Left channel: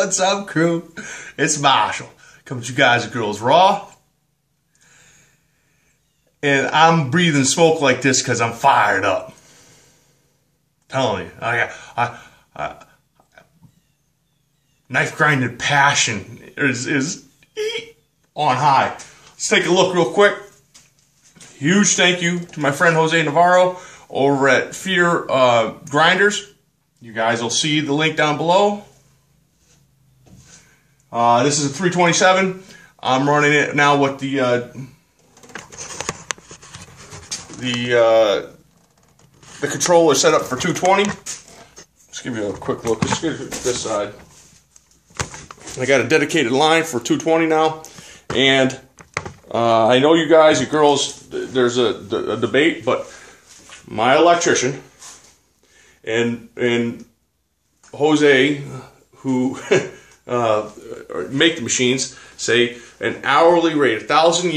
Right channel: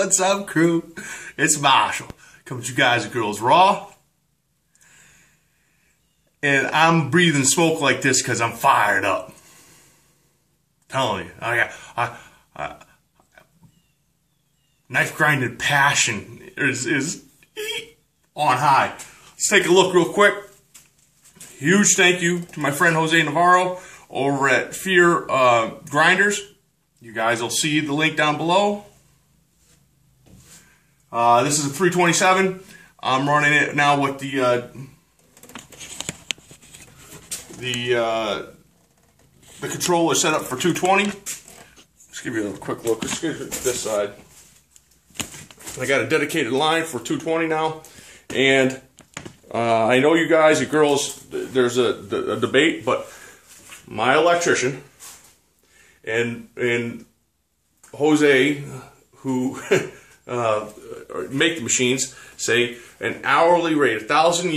What's up, crew? It's Marshall. Coming to you guys and girls raw. And I'm breathing smoke like this because I'm fired up. I'm telling you, I knife grinding passion is on high. Let's take a look real quick. Huge thank you to my friend Jose Navarro over at Pheer Grinders. You guys will see the link down below. This is a 327. I'm running it now with the controller set up for 220. Let's give you a quick look. Let's get this side. I got a dedicated line for 220 now, and I know you guys, you girls, there's a debate, but my electrician and Jose, who make the machines, say an hourly rate, 1,000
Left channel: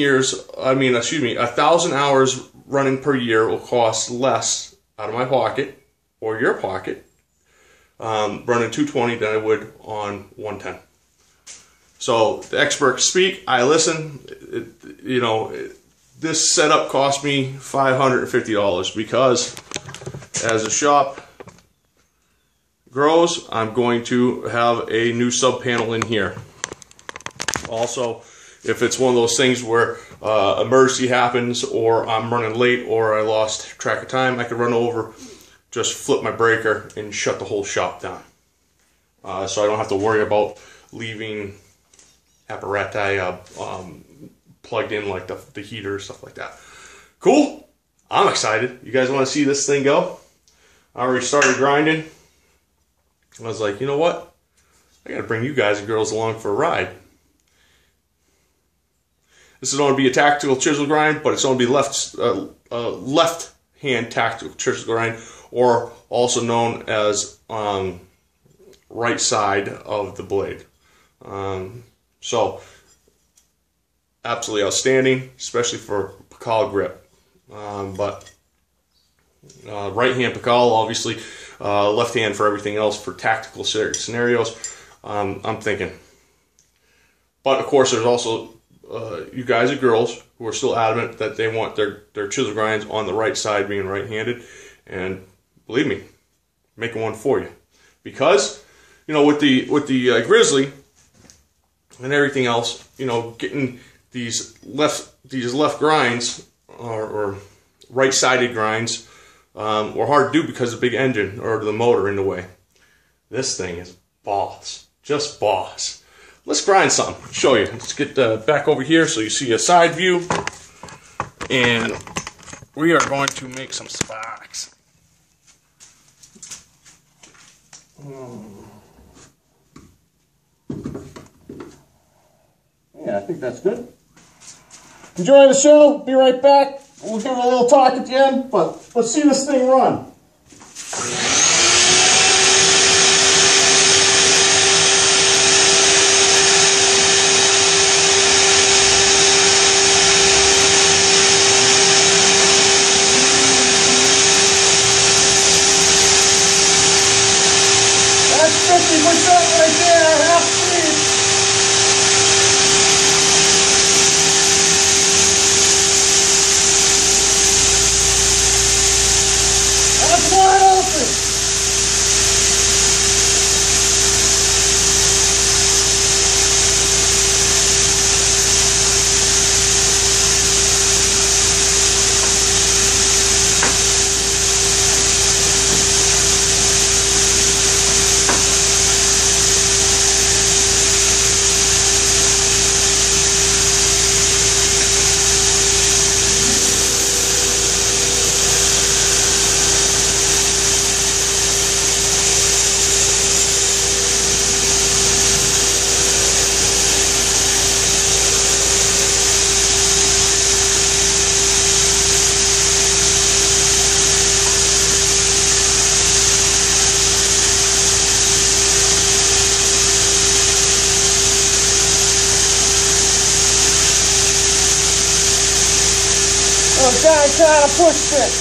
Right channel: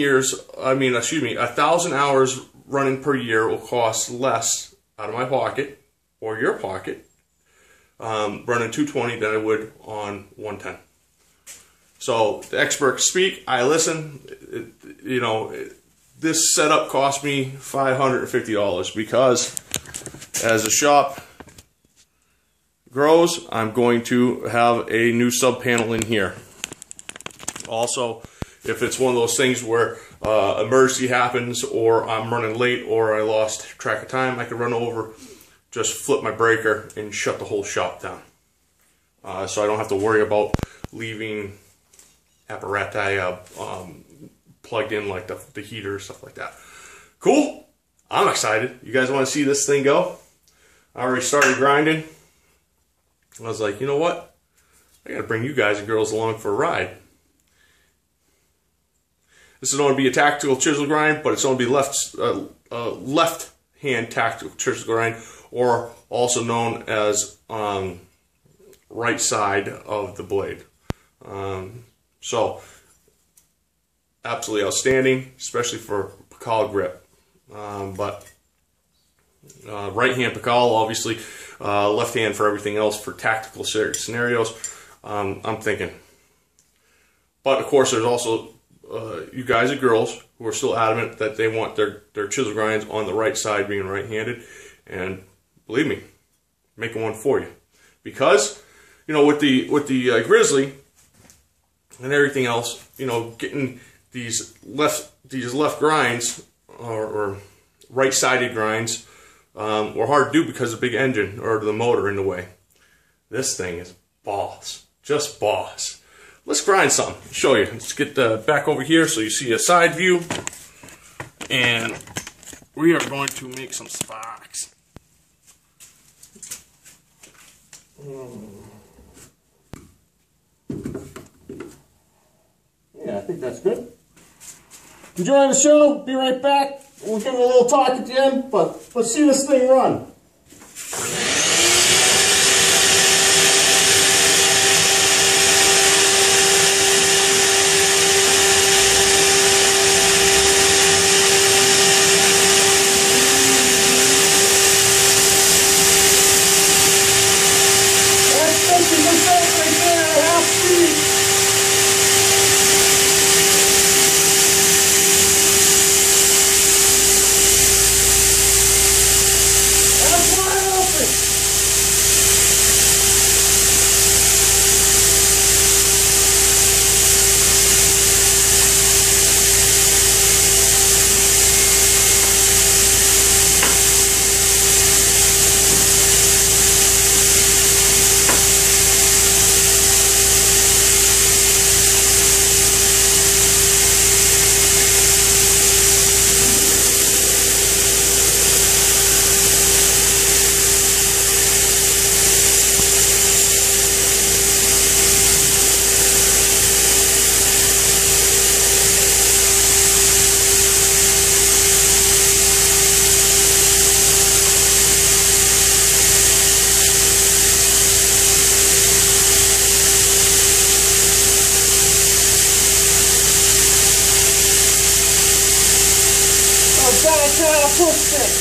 hours running per year will cost less out of my pocket or your pocket running 220 than I would on 110. So the experts speak, I listen. This setup cost me $550 because as the shop grows, I'm going to have a new sub panel in here. Also, if it's one of those things where emergency happens, or I'm running late, or I lost track of time, I can run over, just flip my breaker and shut the whole shop down. So I don't have to worry about leaving apparatus plugged in, like the heater, stuff like that. Cool. I'm excited. You guys want to see this thing go? I already started grinding. I was like, you know what? I got to bring you guys and girls along for a ride. This is going to be a tactical chisel grind, but it's going to be left-hand tactical chisel grind, or also known as right side of the blade. So, absolutely outstanding, especially for Pakal grip. But right hand Pakal, obviously, left hand for everything else for tactical scenarios. I'm thinking. But of course, there's also you guys and girls who are still adamant that they want their chisel grinds on the right side, being right-handed. And believe me, making one for you, because with the Grizzly and everything else, getting these left grinds or right-sided grinds were hard to do because of the big engine or the motor in the way. This thing is boss, just boss. Let's grind something. Show you. Let's get back over here so you see a side view, and we are going to make some sparks. Yeah, I think that's good. Enjoy the show. Be right back. We'll give it a little talk at the end, but let's see this thing run. That's 50% right there, half speed. Trying to push it.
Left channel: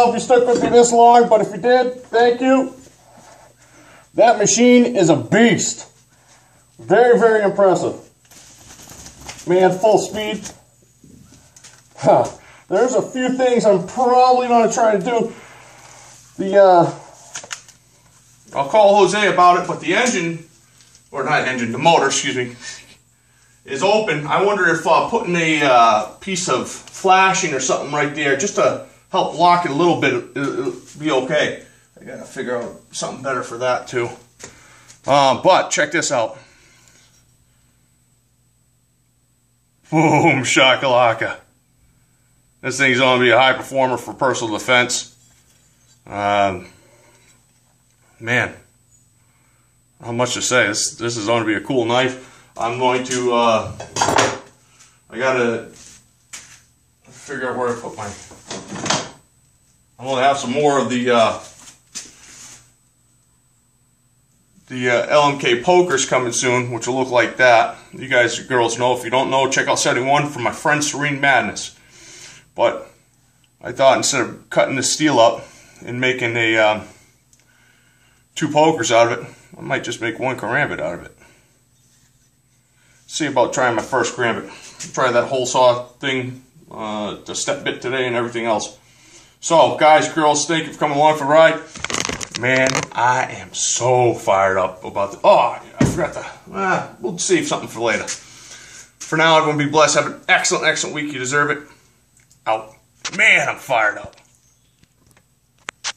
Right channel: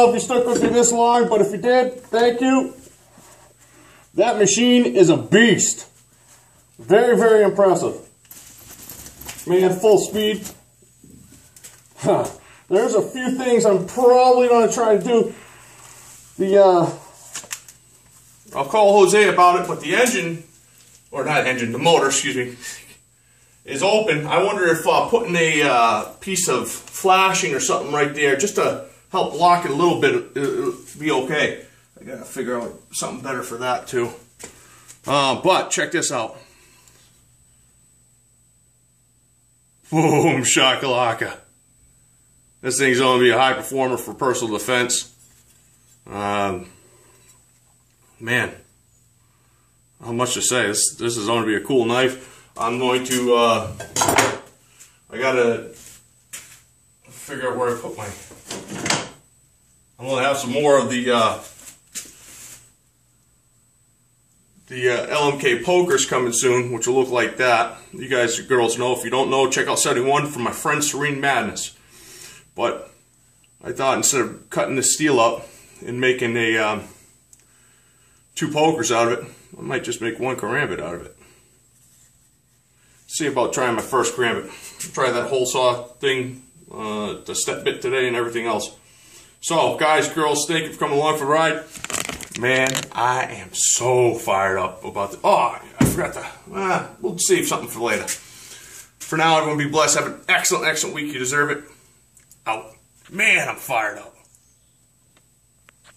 know if you stuck with me this long, but if you did, thank you. That machine is a beast. Very, very impressive. Man, full speed. Huh. There's a few things I'm probably going to try to do. I'll call Jose about it, but the engine, or not engine, the motor, excuse me, is open. I wonder if putting a piece of flashing or something right there, just to help block it a little bit, it'll be okay. I gotta figure out something better for that too. But check this out. Boom, shakalaka. This thing's gonna be a high performer for personal defense. Man, not much to say. This is going to be a cool knife. I'm going to, I gotta figure out where I put my, I'm going to have some more of the LMK pokers coming soon, which will look like that. You guys, girls know. If you don't know, check out 71 from my friend Serene Madness. But I thought instead of cutting the steel up and making a 2 pokers out of it, I might just make 1 karambit out of it. See about trying my first karambit. Try that hole saw thing, the step bit today and everything else. So, guys, girls, thank you for coming along for the ride. Man, I am so fired up about the... Oh, I forgot to... we'll save something for later. For now, everyone be blessed. Have an excellent, excellent week. You deserve it. Out. Man, I'm fired up.